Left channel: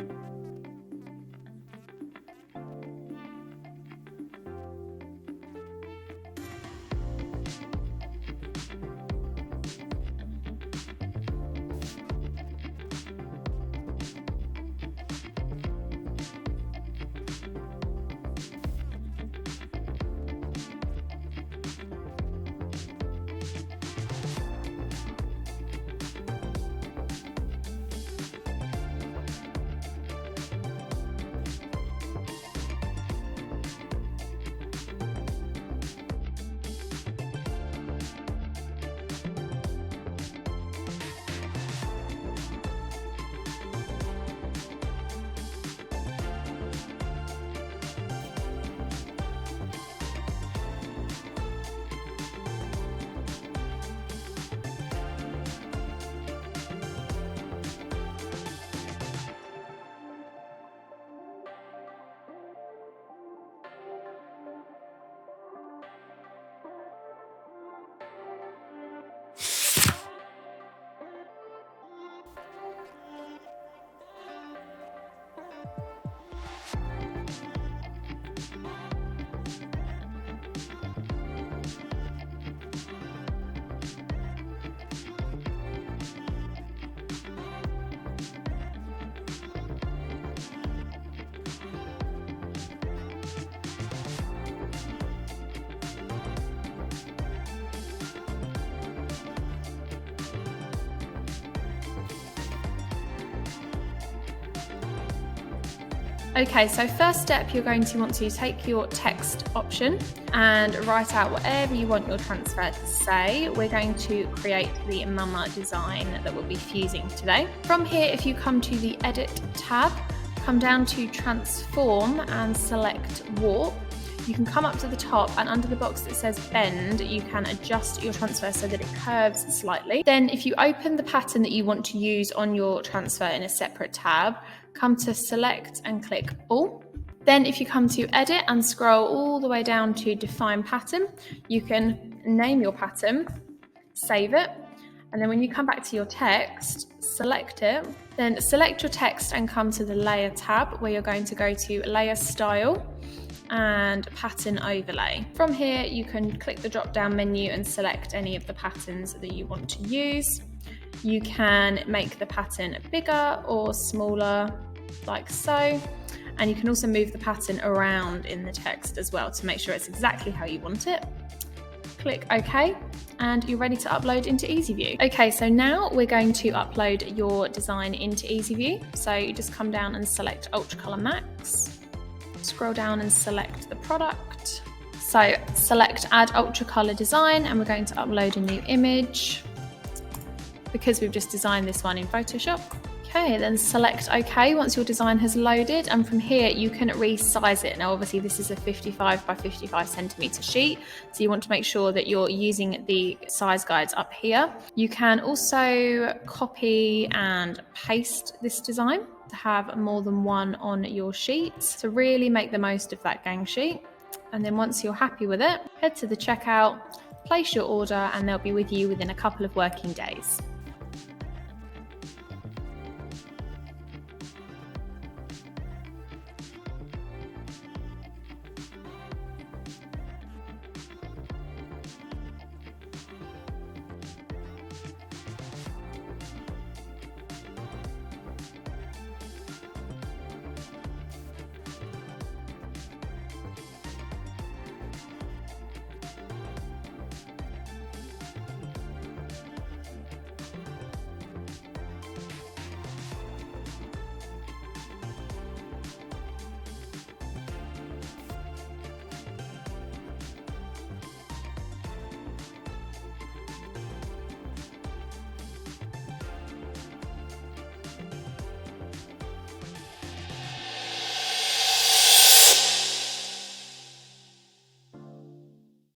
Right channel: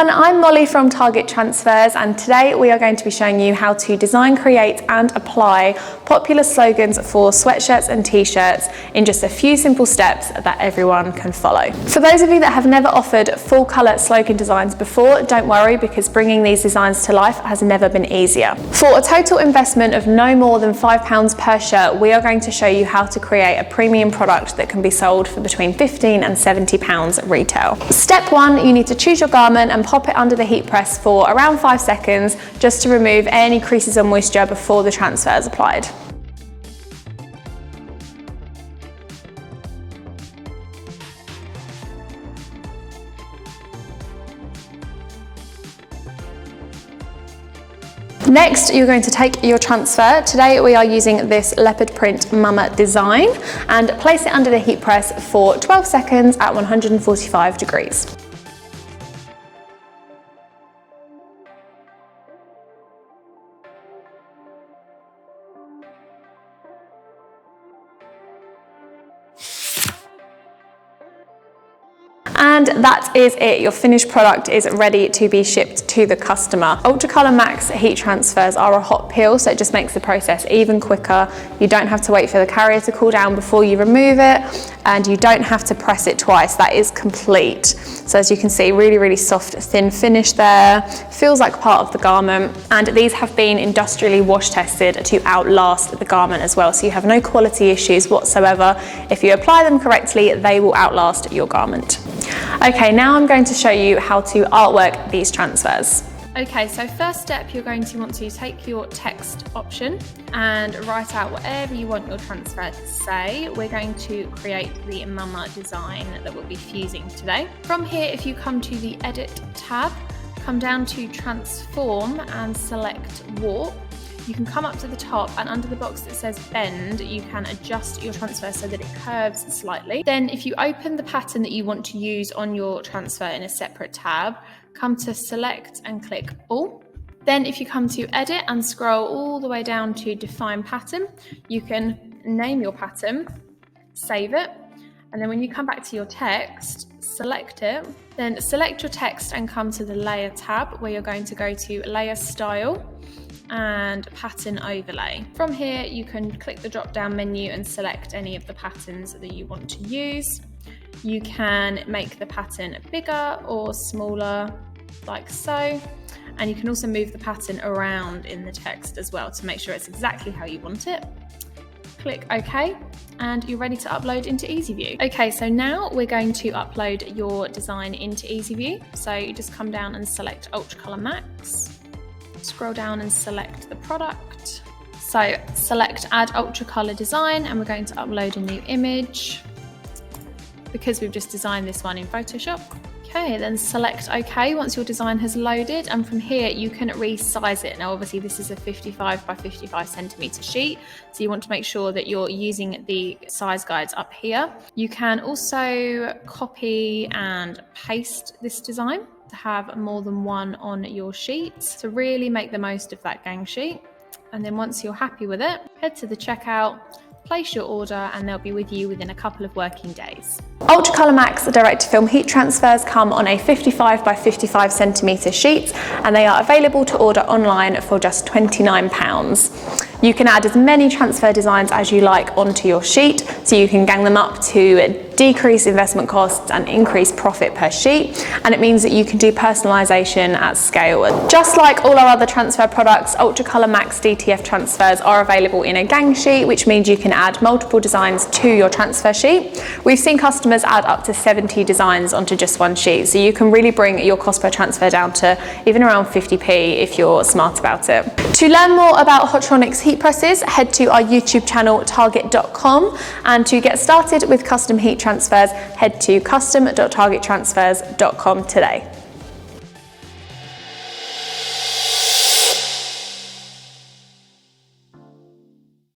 everyone, I'm Molly from Target Transfers, and today we are going to be showing you how to design, create and apply popular slogans for sweatshirts and t-shirts in just a few simple steps that everyone can follow. For those of you that have never offered full colour slogan designs before, don't worry, because bringing these designs to life has never been easier. For a total investment of no more than £5 per shirt, we are going to show you how to create a premium product that can be sold for between £15 and £70 retail. Step 1, you need to choose your garment and pop it under the heat press for around 5 seconds just to remove any creases or moisture before the transfer is applied. Next, you're going to take your transfer. Today we are using this leopard print mama design, and place it under the heat press for 12 seconds at 145 degrees. And that is it. Your finished product is ready to be shipped to the customer. UtraColour Max heat transfers are a hot peel, so it just makes the process even quicker. You don't have to wait for the carrier to cool down before you remove it, and you don't have to press it twice. That is complete. So as you can see, really, really soft, thin finish there. Feels like part of the garment. And these have been industrially wash tested to outlast the garment as well. So you have no quality issues whatsoever. If you apply them correctly, they will outlast your garment. Okay, now I'm going to show you how to artwork these transfers. Okay, so first step, you're going to want to take your text option and write out whatever you want your transfer to say. We're going to create the mama design that we'll be fusing today. From here, if you come to the Edit tab, come down to Transform and select Warp. You can come up to the top, and under the box that says bend, you can adjust your transfer so that it curves slightly. Then if you open the pattern that you want to use on your transfer in a separate tab, come to select and click all. Then if you come to edit and scroll all the way down to define pattern, you can name your pattern, save it, and then when you come back to your text, select it, then select your text and come to the layer tab, where you're going to go to layer style and pattern overlay. From here, you can click the drop down menu and select any of the patterns that you want to use. You can make the pattern bigger or smaller, like so. And you can also move the pattern around in the text as well to make sure it's exactly how you want it. Click OK, and you're ready to upload into EasyView. Okay, so now we're going to upload your design into EasyView. So you just come down and select UtraColour Max. Scroll down and select the product. So select add UtraColour design, and we're going to upload a new image because we've just designed this one in Photoshop. Okay, then select OK once your design has loaded, and from here you can resize it. Now obviously this is a 55 by 55 centimeter sheet, so you want to make sure that you're using the size guides up here. You can also copy and paste this design to have more than one on your sheet, to really make the most of that gang sheet. And then once you're happy with it, head to the checkout, place your order, and they'll be with you within a couple of working days. UtraColour Max direct-to-film heat transfers come on a 55 by 55 centimetre sheet, and they are available to order online for just £29. You can add as many transfer designs as you like onto your sheet, so you can gang them up to decrease investment costs and increase profit per sheet, and it means that you can do personalisation at scale. Just like all our other transfer products, UtraColour Max DTF Transfers are available in a gang sheet, which means you can add multiple designs to your transfer sheet. We've seen customers add up to 70 designs onto just one sheet, so you can really bring your cost per transfer down to even around 50p if you're smart about it. To learn more about Hotronics heat presses, head to our YouTube channel target.com, and to get started with custom heat transfers, head to custom.targettransfers.com today.